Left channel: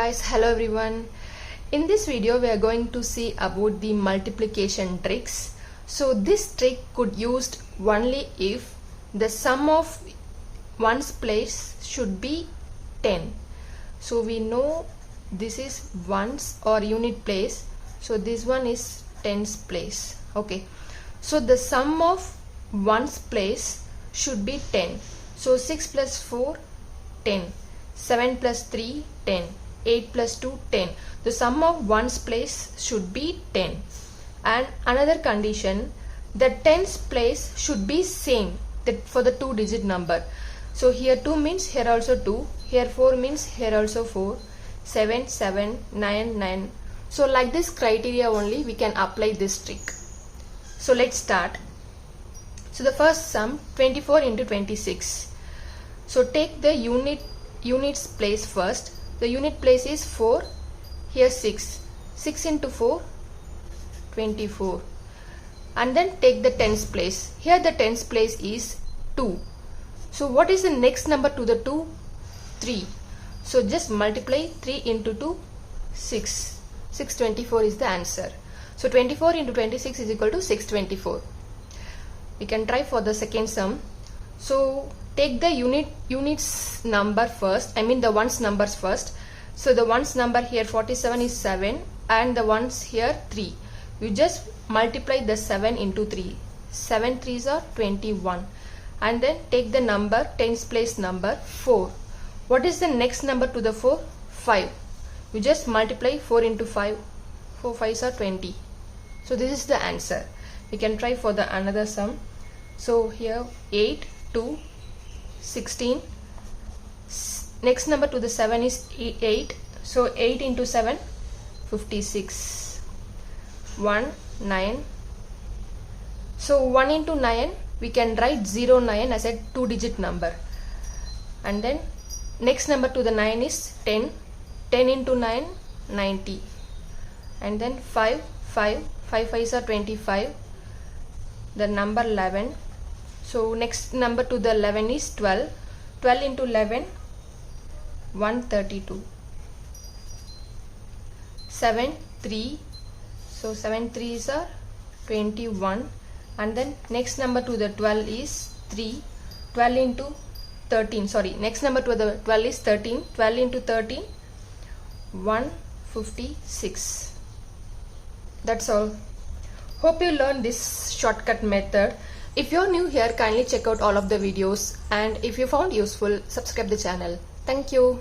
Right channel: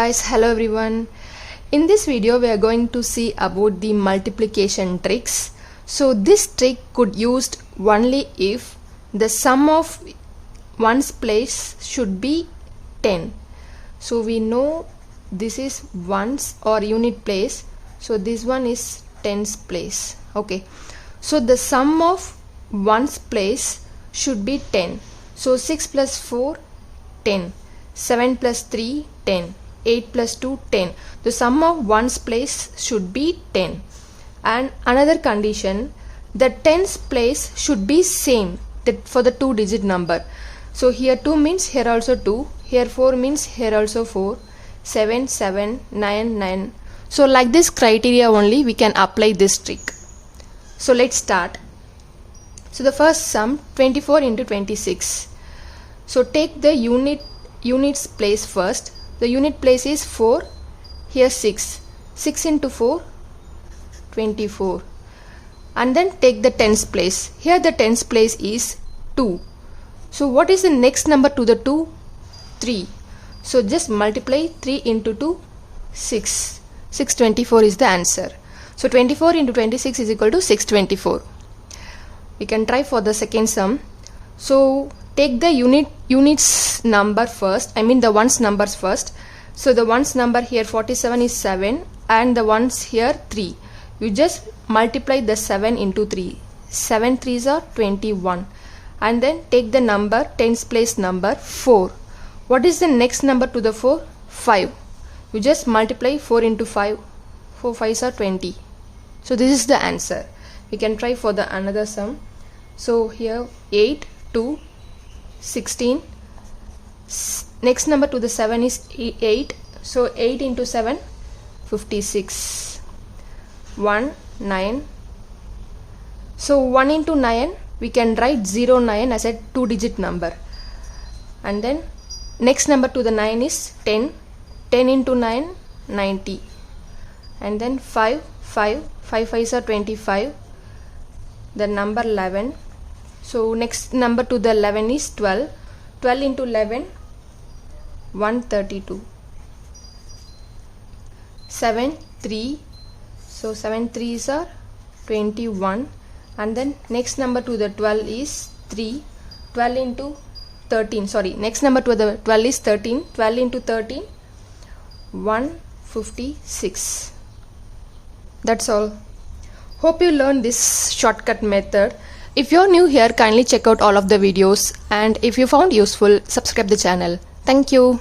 guys, hello everyone. In this video we are going to see about the multiplication tricks. So this trick could used only if the sum of ones place should be 10. So we know this is ones or unit place, so this one is tens place. Okay, so the sum of ones place should be 10. So 6 plus 4 10, 7 plus 3 10, 8 plus 2 10. The sum of ones place should be 10. And another condition, the tens place should be same for the 2-digit number. So here 2 means here also 2, here 4 means here also 4, 7 7, 9 9. So like this criteria only we can apply this trick. So let's start. So the first sum 24 into 26. So take the units place first. The unit place is 4, here 6. 6 into 4, 24. And then take the tens place. Here the tens place is 2. So what is the next number to the 2? 3. So just multiply 3 into 2, 6. 624 is the answer. So 24 into 26 is equal to 624. We can try for the second sum. So take the units number first, I mean the ones numbers first. So the ones number here 47 is 7 and the ones here 3. You just multiply the 7 into 3. 7 3s are 21. And then take the number tens place number 4. What is the next number to the 4? 5. You just multiply 4 into 5. 4 5s are 20. So this is the answer. We can try for the another sum. So here 8 2 16. Next number to the 7 is 8. So 8 into 7 56. 1 9. So 1 into 9 we can write 09 as a 2-digit number. And then next number to the 9 is 10. 10 into 9 90. And then 5 5 5s are 25. The number 11. So next number to the 11 is 12. 12 into 11 132. 7 3. So 7 3s are 21. And then next number to the 12 is 3. 12 into 13. Sorry, next number to the 12 is 13. 12 into 13 156. That's all. Hope you learned this shortcut method. If you're new here, kindly check out all of the videos, and if you found useful, subscribe the channel. Thank you.